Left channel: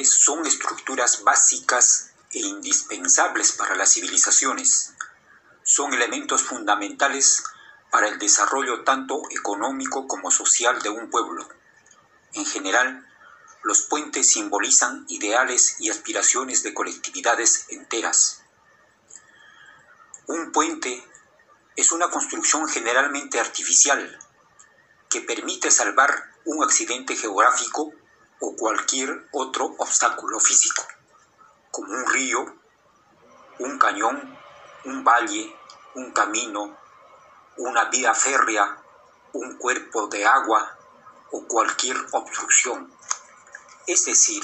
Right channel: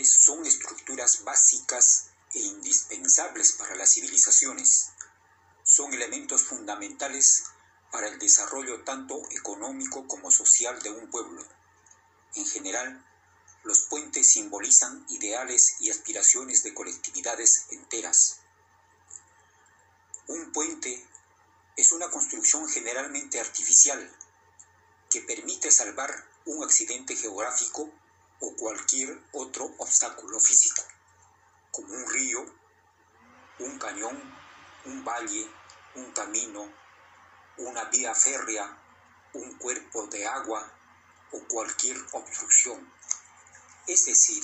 puentes son estructuras básicas e indispensables para las civilizaciones. Son elementos fundamentales para el desarrollo tanto económico como social de un pueblo. En general, los puentes simbolizan ideales y aspiraciones de colectividades enteras. Un puente es una construcción generalmente artificial que permite salvar un accidente geográfico o cualquier otro obstáculo físico, como un río, un cañón, un valle, un camino, una vía férrea, un cuerpo de agua o cualquier obstrucción. Es decir,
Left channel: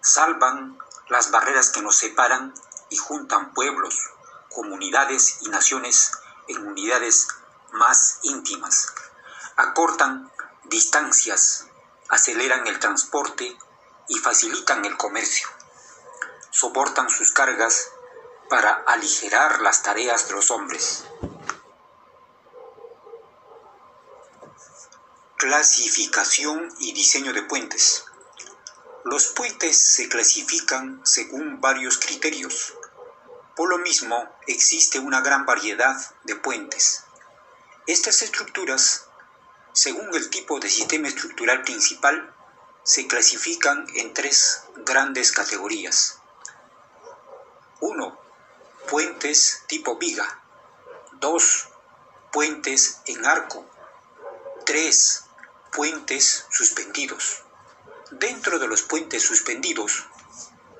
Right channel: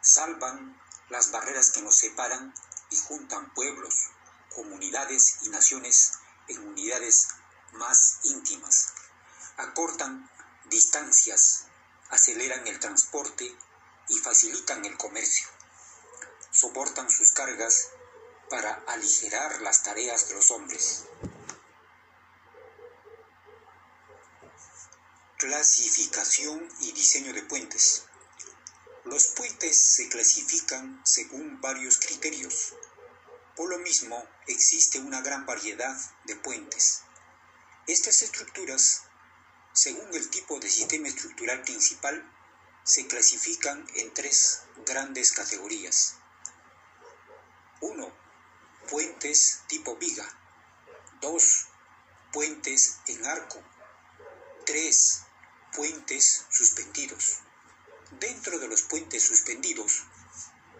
salvan las barreras que nos separan y juntan pueblos, comunidades y naciones en unidades más íntimas. Acortan distancias, aceleran el transporte y facilitan el comercio. Soportan sus cargas para aligerar las tareas de los hombres. Clasificación y diseño de puentes. Los puentes se clasifican según varios criterios. Por lo mismo, existe una gran variedad de puentes. Estas estructuras, según el tipo de sistema estructural principal, se clasifican en tres grandes categorías. 1. Puentes tipo viga. 2. Puentes en arco. 3. Puentes suspendidos. Dentro de los puentes suspendidos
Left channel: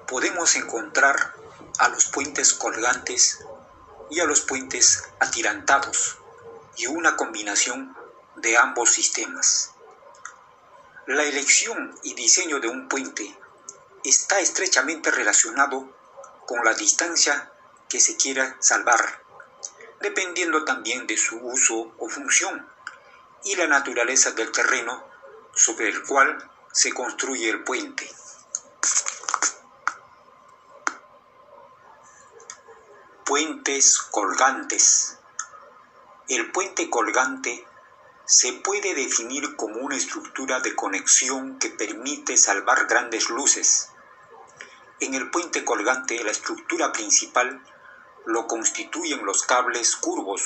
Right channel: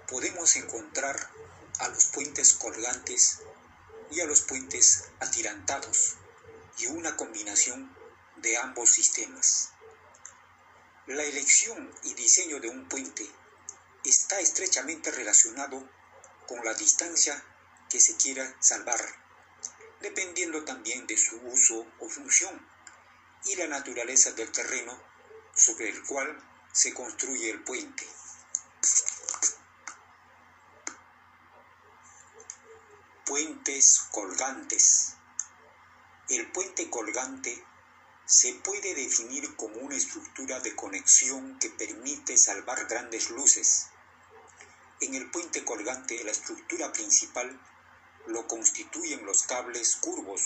podemos encontrar a los puentes colgantes y a los puentes atirantados y una combinación de ambos sistemas. La elección y diseño de un puente está estrechamente relacionado con la distancia que se quiera salvar, dependiendo también de su uso o función y la naturaleza del terreno sobre el cual se construye el puente. Puentes colgantes. El puente colgante se puede definir como una estructura de conexión que permite salvar grandes luces. En el puente colgante, la estructura principal lo constituyen los cables curvos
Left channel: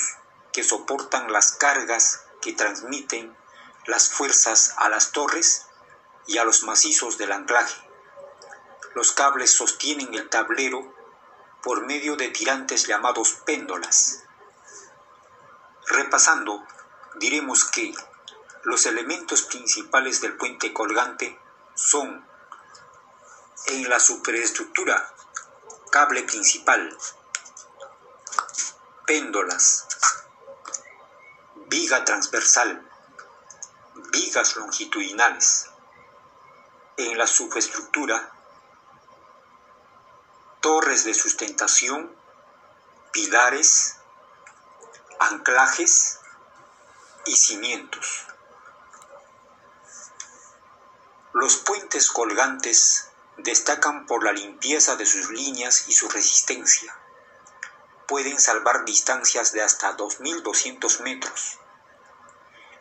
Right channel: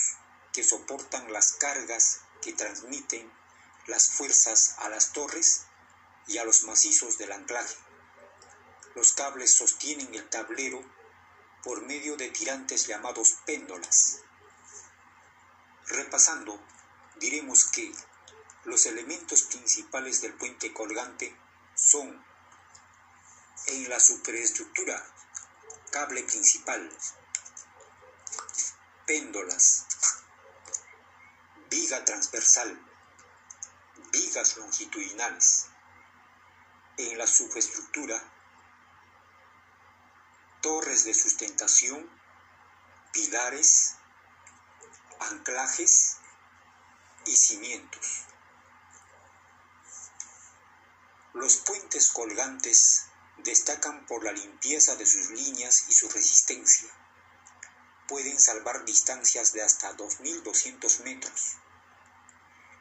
que soportan las cargas que transmiten las fuerzas a las torres y a los macizos del anclaje. Los cables sostienen el tablero por medio de tirantes llamados péndolas. Repasando, diremos que los elementos principales del puente colgante son: en la superestructura, cable principal, péndolas, viga transversal, vigas longitudinales. En la subestructura, torres de sustentación, pilares, anclajes y cimientos. Los puentes colgantes destacan por la limpieza de sus líneas y su resistencia. Pueden salvar distancias de hasta 2.200 metros.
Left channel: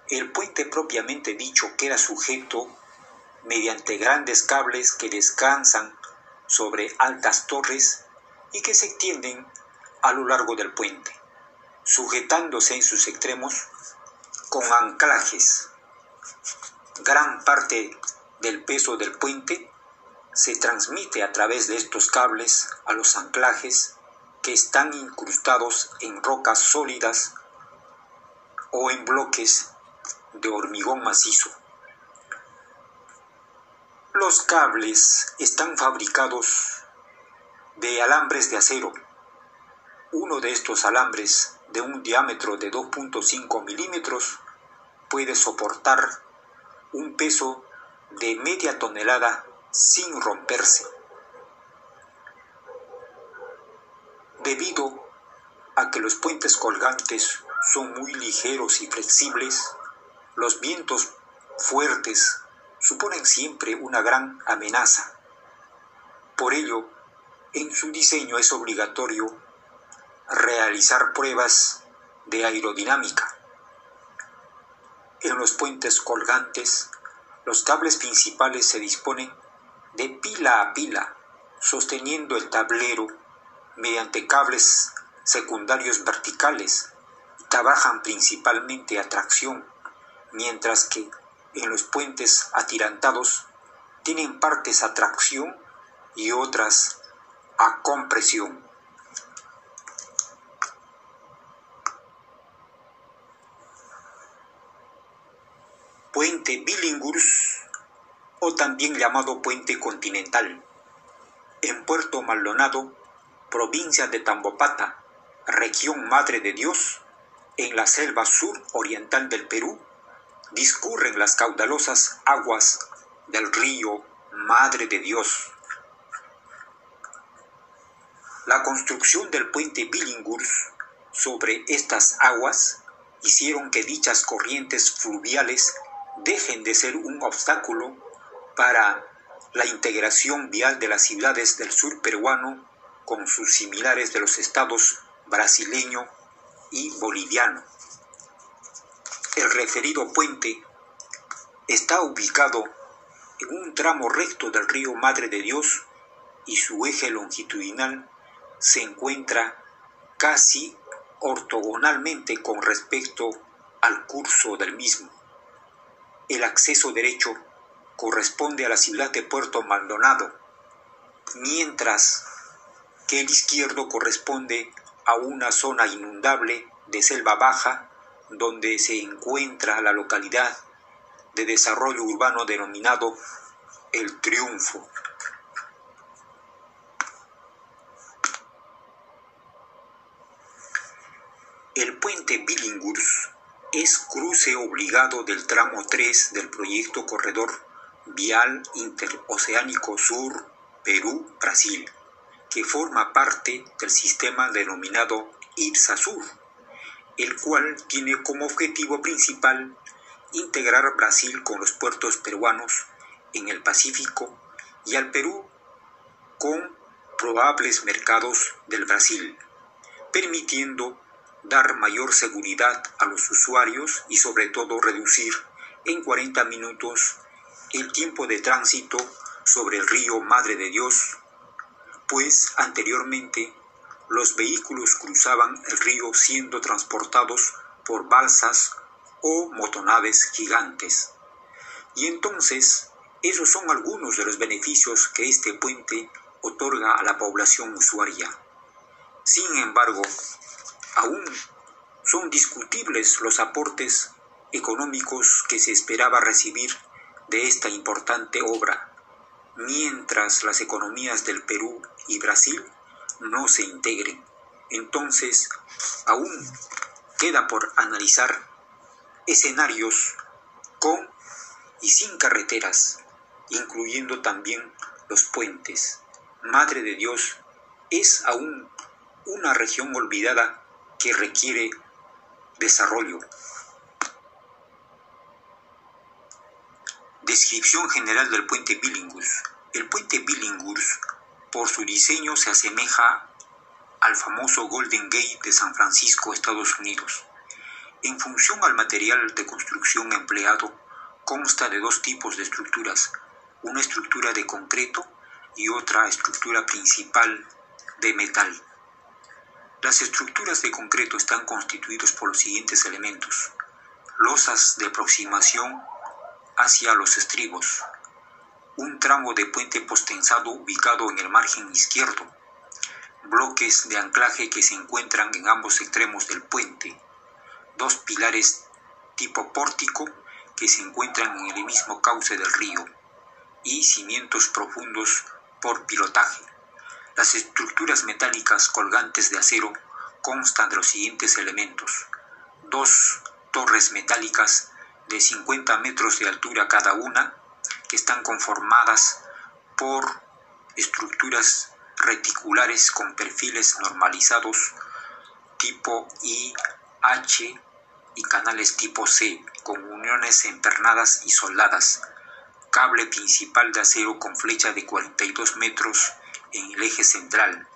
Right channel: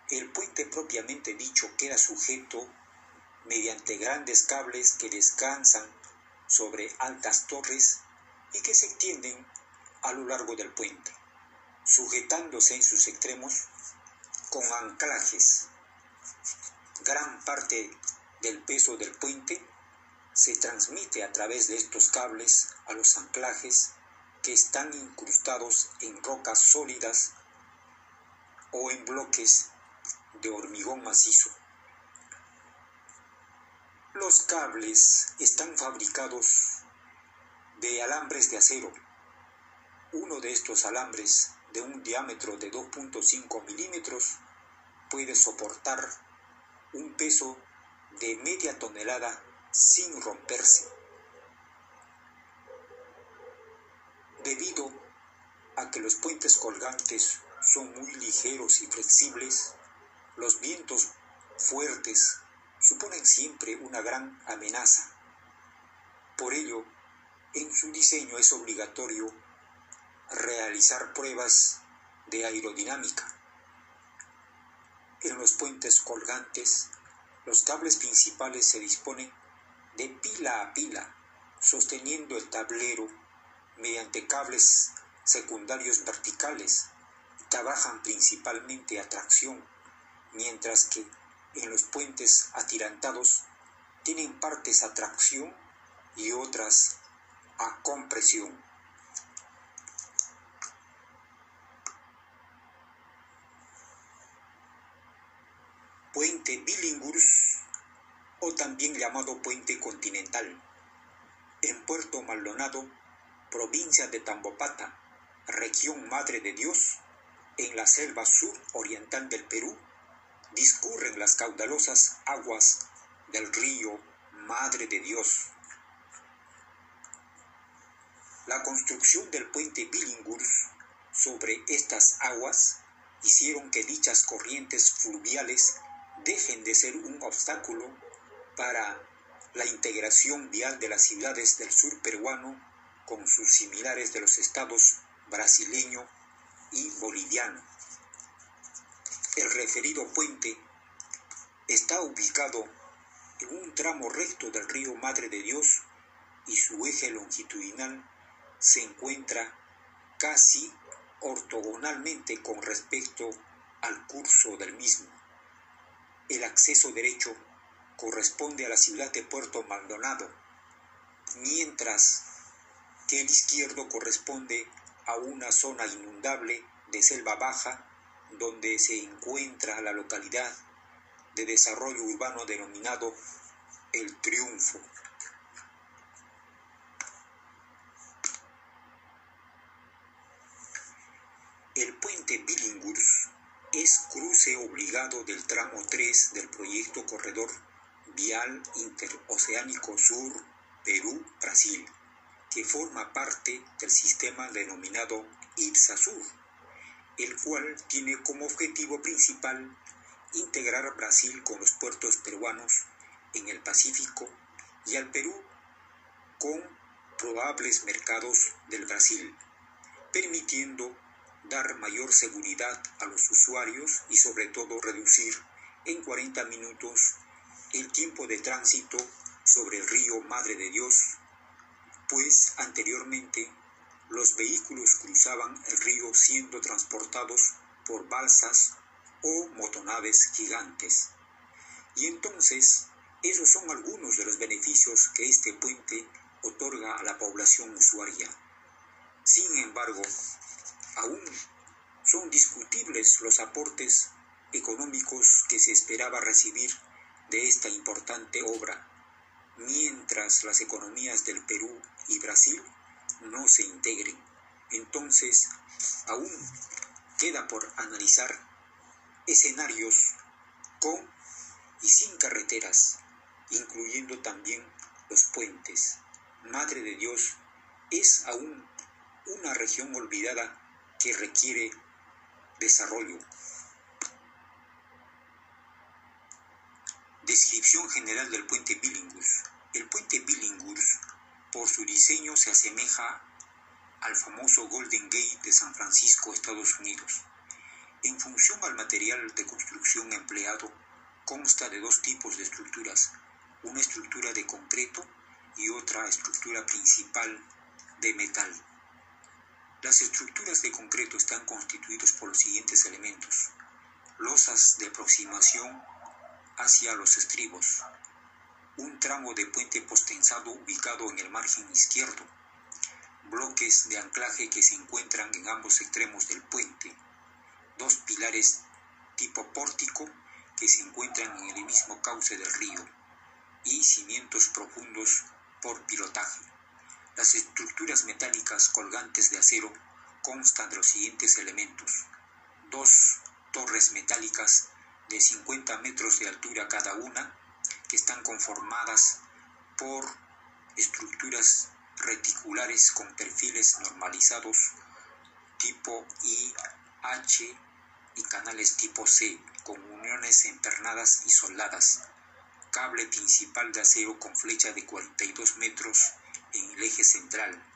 El puente propiamente dicho queda sujeto mediante grandes cables que descansan sobre altas torres y que se extienden a lo largo del puente, sujetándose en sus extremos con anclajes. Gran parte del peso del puente se transmite a través de estos cables a los anclajes que están incrustados en rocas sólidas o en bloques de hormigón macizo. Los cables están fabricados de alambres de acero. Uno de estos alambres, de un diámetro de 2.5 milímetros, puede soportar un peso de media tonelada sin romperse. Debido a que los puentes colgantes son muy ligeros y flexibles, los vientos fuertes suponen siempre una gran amenaza. Por ello, en su diseño es obligatorio realizar pruebas de aerodinámica. En los puentes colgantes, los cables principales se disponen de pila a pila, sosteniendo el tablero mediante cables secundarios verticales. Trabajan principalmente a tracción, mientras que en los puentes atirantados tienen partes a tracción y otras a compresión. Puente Billinghurst, o también llamado Puente Continental, en Puerto Maldonado, provincia de Tambopata, región Madre de Dios, en la selva sur oriental del Perú, discurren las caudalosas aguas del río Madre de Dios. La construcción del puente Billinghurst sobre estas aguas hicieron que dichas corrientes fluviales dejen de ser un obstáculo para la integración vial de las ciudades del sur peruano con sus similares de los estados brasileño y boliviano. El referido puente está ubicado en un tramo recto del río Madre de Dios y su eje longitudinal se encuentra casi ortogonalmente con respecto al curso del mismo. El acceso derecho corresponde a la ciudad de Puerto Maldonado, mientras que el izquierdo corresponde a una zona inundable de selva baja donde se encuentra la localidad de desarrollo urbano denominado El Triunfo. El puente Billinghurst es cruce obligado del tramo 3 del proyecto Corredor Vial Interoceánico Sur Perú-Brasil, que forma parte del sistema denominado IPSA-Sur, el cual tiene como objetivo principal integrar Brasil con los puertos peruanos en el Pacífico y al Perú con probables mercados del Brasil, permitiendo dar mayor seguridad a los usuarios y sobre todo reducir en 40 minutos el tiempo de tránsito sobre el río Madre de Dios, pues anteriormente los vehículos cruzaban el río siendo transportados por balsas o motonaves gigantes. Y entonces, esos son algunos de los beneficios que este puente otorga a la población usuaria. Sin embargo, aún son discutibles los aportes económicos que se esperaba recibir de esta importante obra, mientras las economías del Perú y Brasil no se integren. Entonces, aún queda por analizar escenarios con y sin carreteras, incluyendo también los puentes. Madre de Dios es aún una región olvidada que requiere desarrollo. Descripción general del puente Billinghurst. El puente Billinghurst, por su diseño, se asemeja al famoso Golden Gate de San Francisco, Estados Unidos. En función al material de construcción empleado, consta de dos tipos de estructuras, una estructura de concreto y otra estructura principal de metal. Las estructuras de concreto están constituidas por los siguientes elementos: losas de aproximación hacia los estribos, un tramo de puente postensado ubicado en el margen izquierdo, bloques de anclaje que se encuentran en ambos extremos del puente, dos pilares tipo pórtico que se encuentran en el mismo cauce del río y cimientos profundos por pilotaje. Las estructuras metálicas colgantes de acero constan de los siguientes elementos: dos torres metálicas de 50 metros de altura cada una, que están conformadas por estructuras reticulares con perfiles normalizados tipo I, H y canales tipo C, con uniones empernadas y soldadas, cable principal de acero con flecha de 42 metros en el eje central,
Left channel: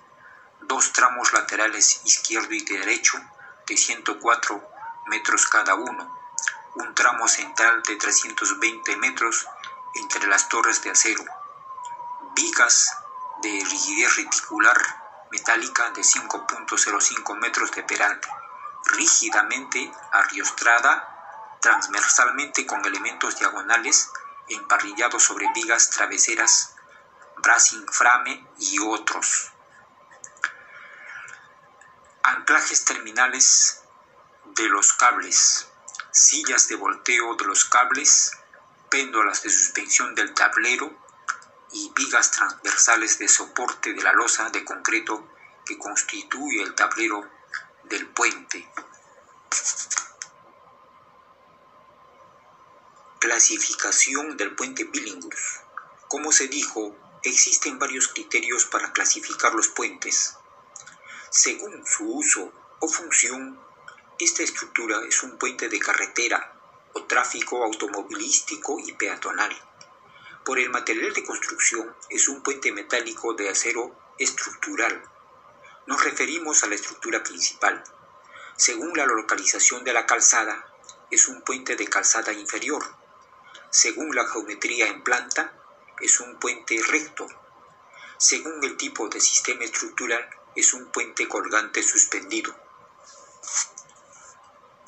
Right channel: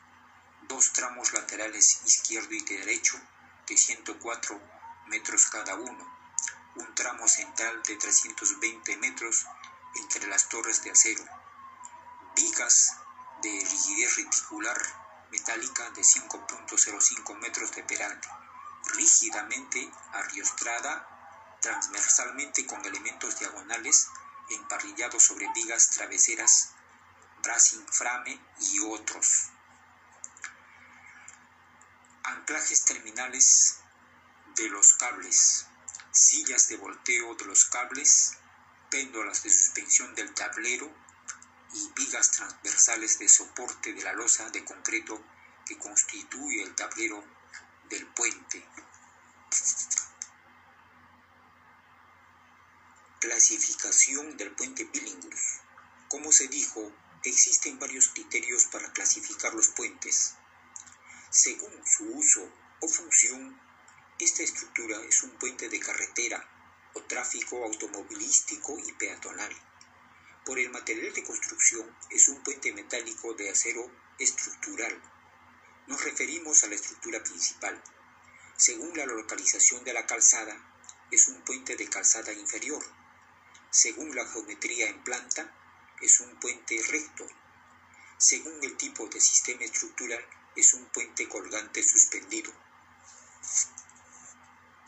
dos tramos laterales izquierdo y derecho de 104 metros cada uno, un tramo central de 320 metros entre las torres de acero, vigas de rigidez reticular metálica de 5.05 metros de peralte, rígidamente arriostrada transversalmente con elementos diagonales emparrillados sobre vigas traveseras, bracing frame y otros. Anclajes terminales de los cables, sillas de volteo de los cables, péndolas de suspensión del tablero y vigas transversales de soporte de la losa de concreto que constituye el tablero del puente. Clasificación del puente Billinghurst. Como se dijo, existen varios criterios para clasificar los puentes. Según su uso o función, esta estructura es un puente de carretera o tráfico automovilístico y peatonal. Por el material de construcción, es un puente metálico de acero estructural. Nos referimos a la estructura principal. Según la localización de la calzada, es un puente de calzada inferior. Según la geometría en planta, es un puente recto. Según el tipo de sistema estructural, es un puente colgante suspendido.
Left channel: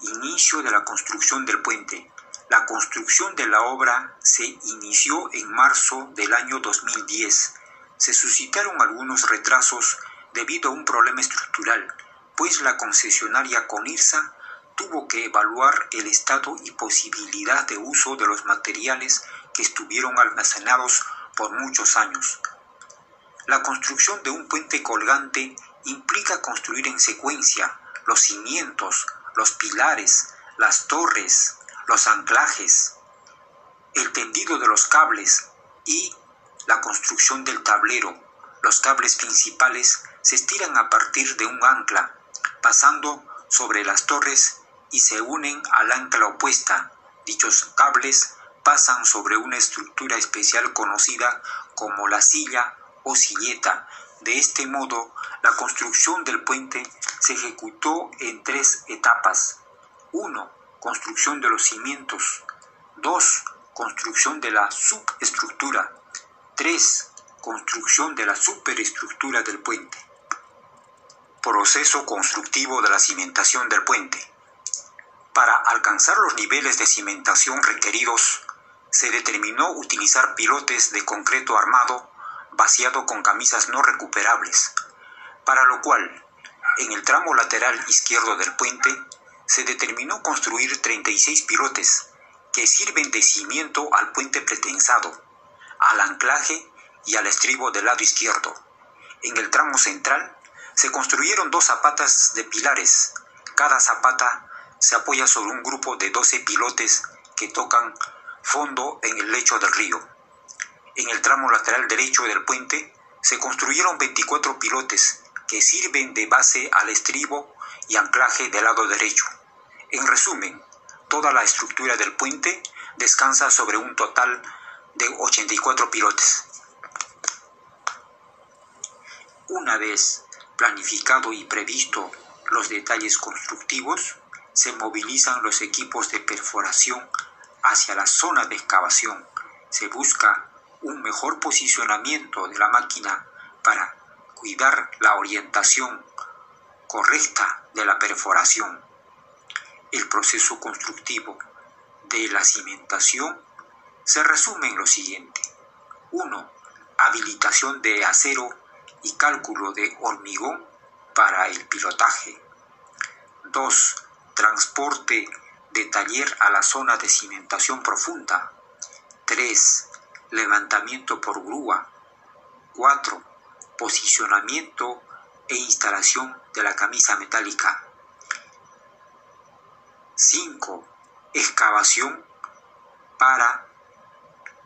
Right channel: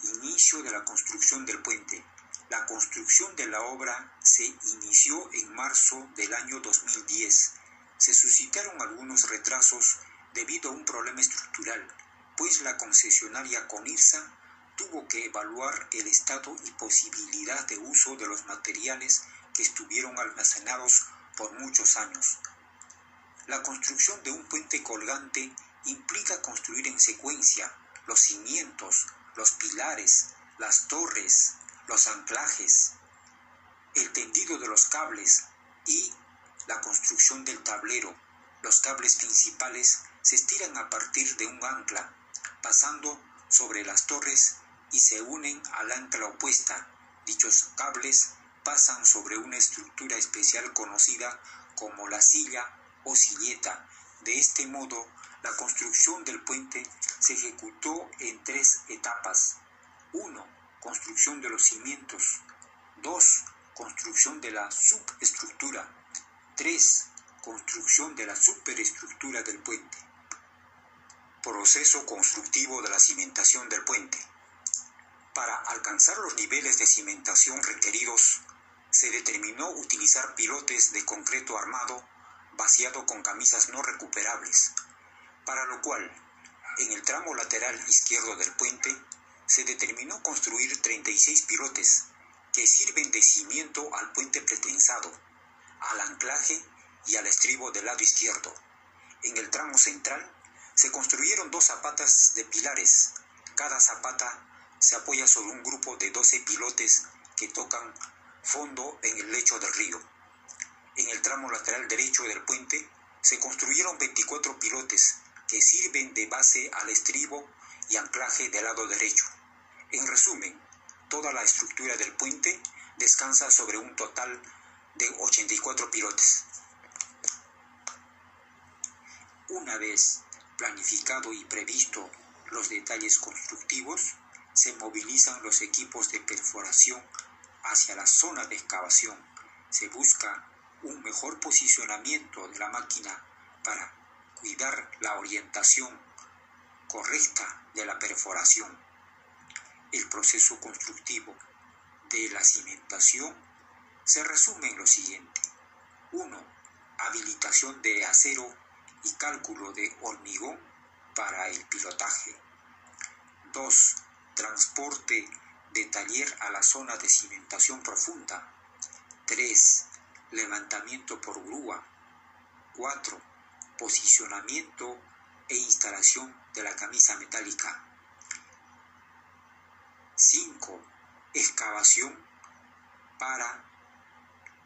Inicio de la construcción del puente. La construcción de la obra se inició en marzo del año 2010. Se suscitaron algunos retrasos debido a un problema estructural, pues la concesionaria Conirsa tuvo que evaluar el estado y posibilidad de uso de los materiales que estuvieron almacenados por muchos años. La construcción de un puente colgante implica construir en secuencia los cimientos, los pilares, las torres, los anclajes, el tendido de los cables y la construcción del tablero. Los cables principales se estiran a partir de un ancla, pasando sobre las torres y se unen al ancla opuesta. Dichos cables pasan sobre una estructura especial conocida como la silla o silleta. De este modo, la construcción del puente se ejecutó en 3 etapas. 1. Construcción de los cimientos. 2. Construcción de la subestructura. 3. Construcción de la superestructura del puente. Proceso constructivo de la cimentación del puente. Para alcanzar los niveles de cimentación requeridos, se determinó utilizar pilotes de concreto armado vaciado con camisas no recuperables, para lo cual, en el tramo lateral izquierdo del puente, se determinó construir 36 pilotes que sirven de cimiento al puente pretensado, al anclaje y al estribo del lado izquierdo. En el tramo central se construyeron 2 zapatas de pilares. Cada zapata se apoya sobre un grupo de 12 pilotes que tocan fondo en el lecho del río. En el tramo lateral derecho del puente se construyeron 24 pilotes que sirven de base al estribo y anclaje del lado derecho. En resumen, toda la estructura del puente descansa sobre un total de 84 pilotes. Una vez planificado y previsto los detalles constructivos, se movilizan los equipos de perforación hacia la zona de excavación. Se busca un mejor posicionamiento de la máquina para cuidar la orientación correcta de la perforación. El proceso constructivo de la cimentación se resume en lo siguiente. 1. Habilitación de acero y cálculo de hormigón para el pilotaje. 2. Transporte de taller a la zona de cimentación profunda. 3. Levantamiento por grúa. 4. Posicionamiento e instalación de la camisa metálica. 5. Excavación para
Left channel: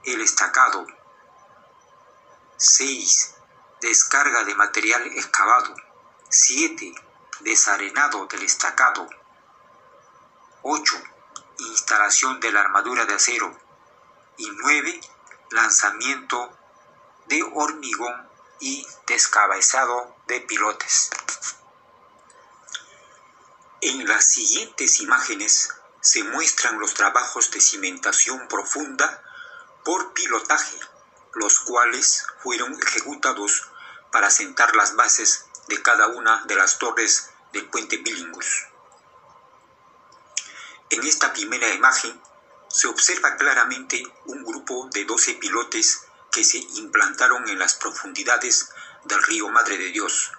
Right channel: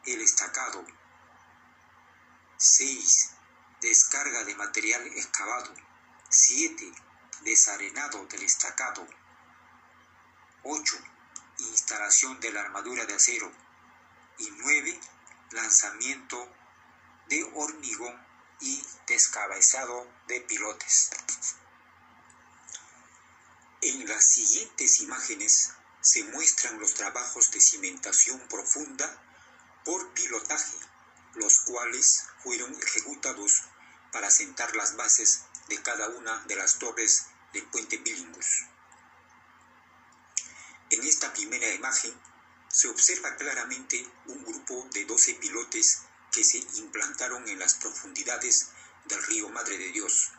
el estacado. 6. Descarga de material excavado. 7. Desarenado del estacado. 8. Instalación de la armadura de acero. Y 9. Lanzamiento de hormigón y descabezado de pilotes. En las siguientes imágenes se muestran los trabajos de cimentación profunda por pilotaje, los cuales fueron ejecutados para sentar las bases de cada una de las torres del puente Billinghurst. En esta primera imagen se observa claramente un grupo de 12 pilotes que se implantaron en las profundidades del río Madre de Dios.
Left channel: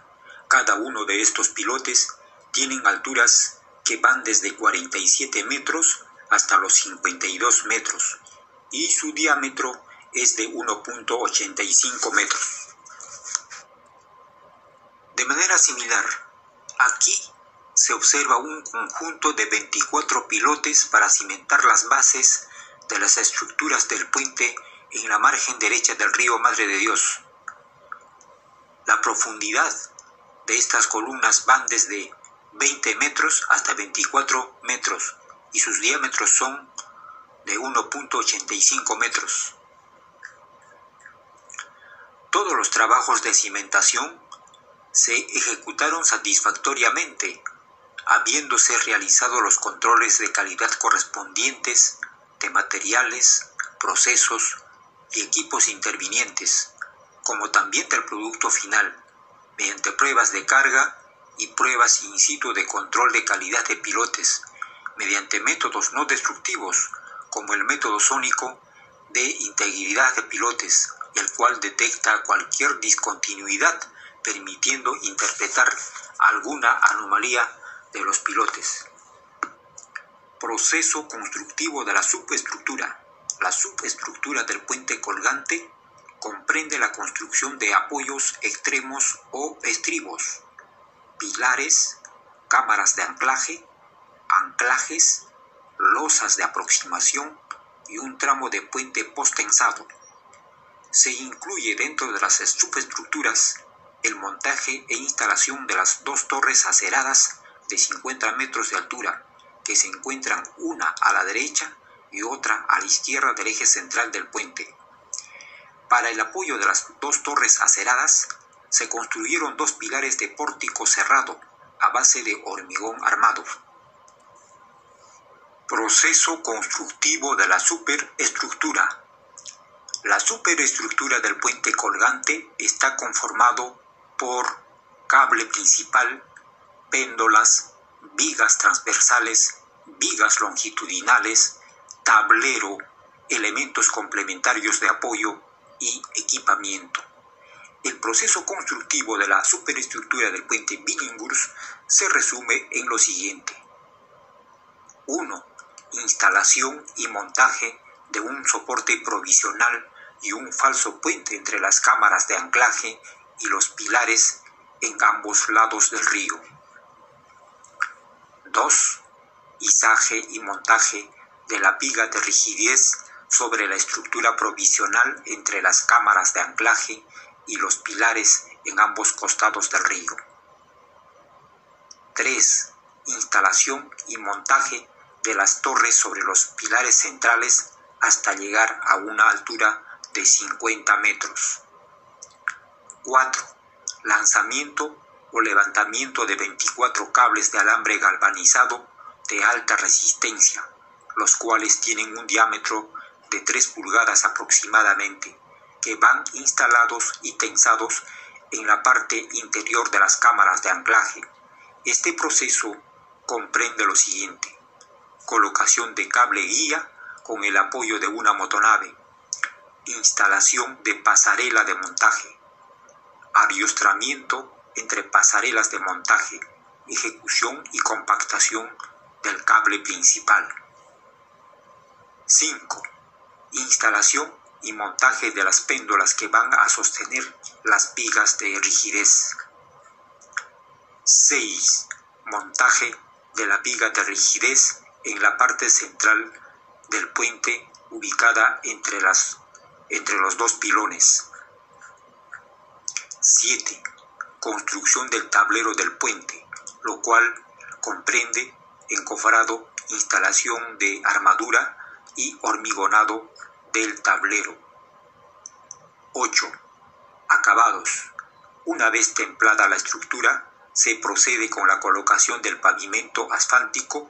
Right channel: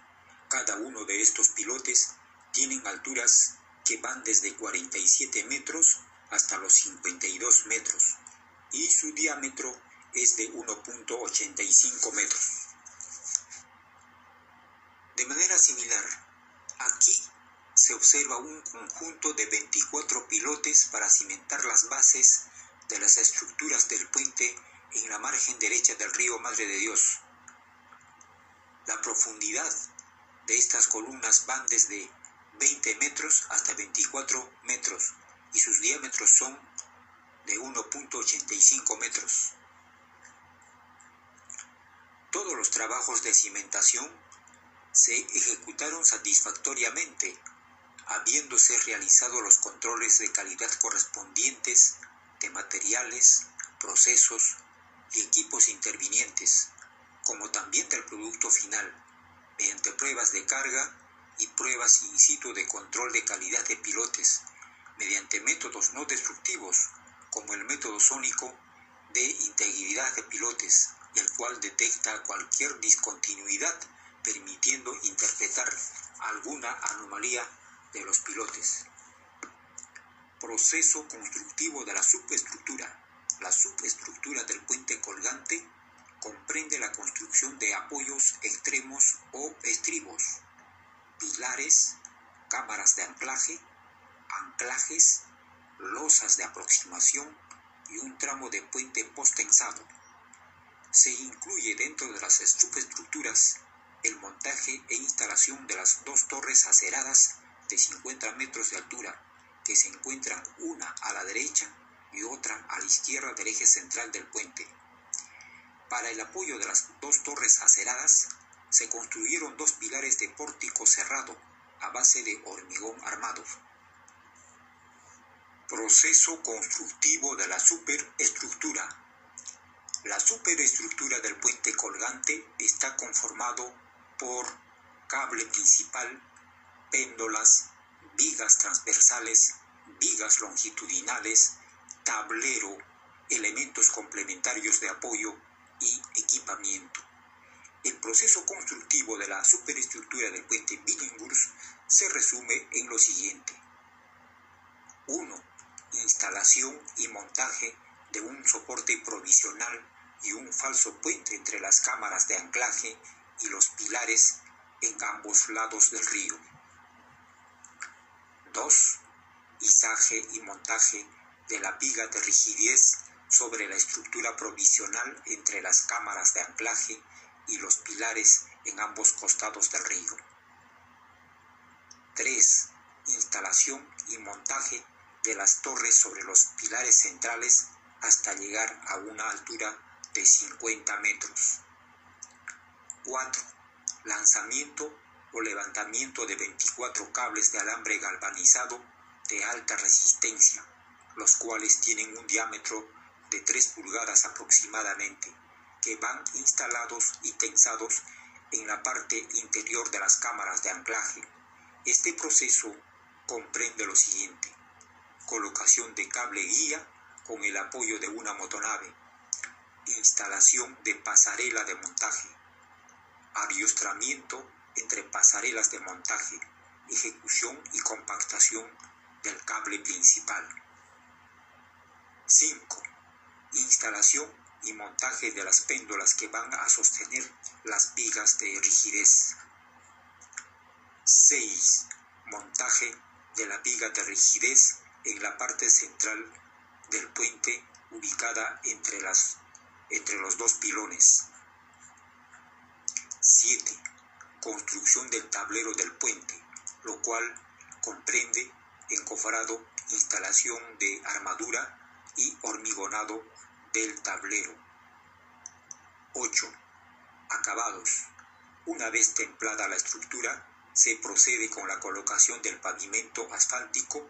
Cada uno de estos pilotes tienen alturas que van desde 47 metros hasta los 52 metros y su diámetro es de 1.85 metros. De manera similar, aquí se observa un conjunto de 24 pilotes para cimentar las bases de las estructuras del puente en la margen derecha del río Madre de Dios. La profundidad de estas columnas van desde 20 metros hasta 24 metros y sus diámetros son de 1.85 metros. Todos los trabajos de cimentación se ejecutaron satisfactoriamente, habiéndose realizado los controles de calidad correspondientes de materiales, procesos y equipos intervinientes, como también del producto final, mediante pruebas de carga y pruebas in situ de control de calidad de pilotes, mediante métodos no destructivos, como el método sónico de integridad de pilotes, el cual detecta cualquier discontinuidad, permitiendo interpretar alguna anomalía de los pilotes. Proceso constructivo de la subestructura. La subestructura del puente colgante comprende la construcción de apoyos extremos o estribos, pilares, cámaras de anclaje, anclajes, losas de aproximación y un tramo de puente posttensado. Se incluye dentro de las subestructuras el montaje e instalación de las dos torres aceradas de 50 metros de altura, que se encuentran una a la derecha y otra a la izquierda del eje central del puente. Para el apoyo de las dos torres aceradas, se construyeron dos pilares de pórtico cerrado a base de hormigón armado. Proceso constructivo de la superestructura. La superestructura del puente colgante está conformado por cable principal, péndolas, vigas transversales, vigas longitudinales, tablero, elementos complementarios de apoyo y equipamiento. El proceso constructivo de la superestructura del puente Billinghurst se resume en lo siguiente. 1. Instalación y montaje de un soporte provisional y un falso puente entre las cámaras de anclaje y los pilares en ambos lados del río. 2. Izaje y montaje de la viga de rigidez sobre la estructura provisional entre las cámaras de anclaje y los pilares en ambos costados del río. 3. Instalación y montaje de las torres sobre los pilares centrales hasta llegar a una altura de 50 metros. 4. Lanzamiento o levantamiento de 24 cables de alambre galvanizado de alta resistencia, los cuales tienen un diámetro de 3 pulgadas aproximadamente, que van instalados y tensados en la parte interior de las cámaras de anclaje. Este proceso comprende lo siguiente: colocación de cable guía con el apoyo de una motonave, instalación de pasarela de montaje, adiestramiento entre pasarelas de montaje, ejecución y compactación del cable principal. 5. Instalación y montaje de las péndolas que van a sostener las vigas de rigidez. 6. Montaje de la viga de rigidez en la parte central del puente ubicada entre los dos pilones. 7. Construcción del tablero del puente, lo cual comprende encofrado, instalación de armadura y hormigonado del tablero. 8. Acabados. Una vez templada la estructura, se procede con la colocación del pavimento asfáltico,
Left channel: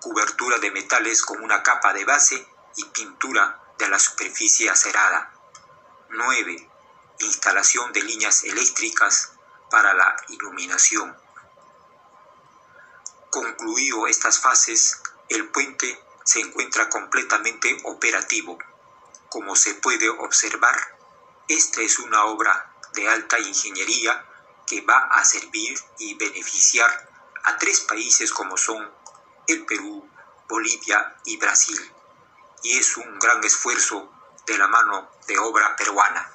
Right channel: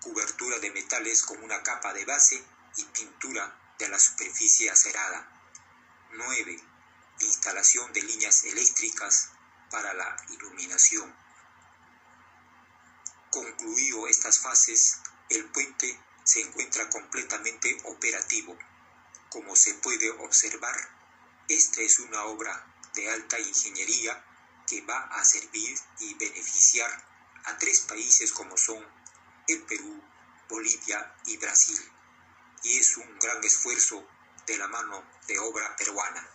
cobertura de metales con una capa de base y pintura de la superficie acerada. 9. Instalación de líneas eléctricas para la iluminación. Concluido estas fases, el puente se encuentra completamente operativo. Como se puede observar, esta es una obra de alta ingeniería que va a servir y beneficiar a 3 países como son el Perú, Bolivia y Brasil. Y es un gran esfuerzo de la mano de obra peruana.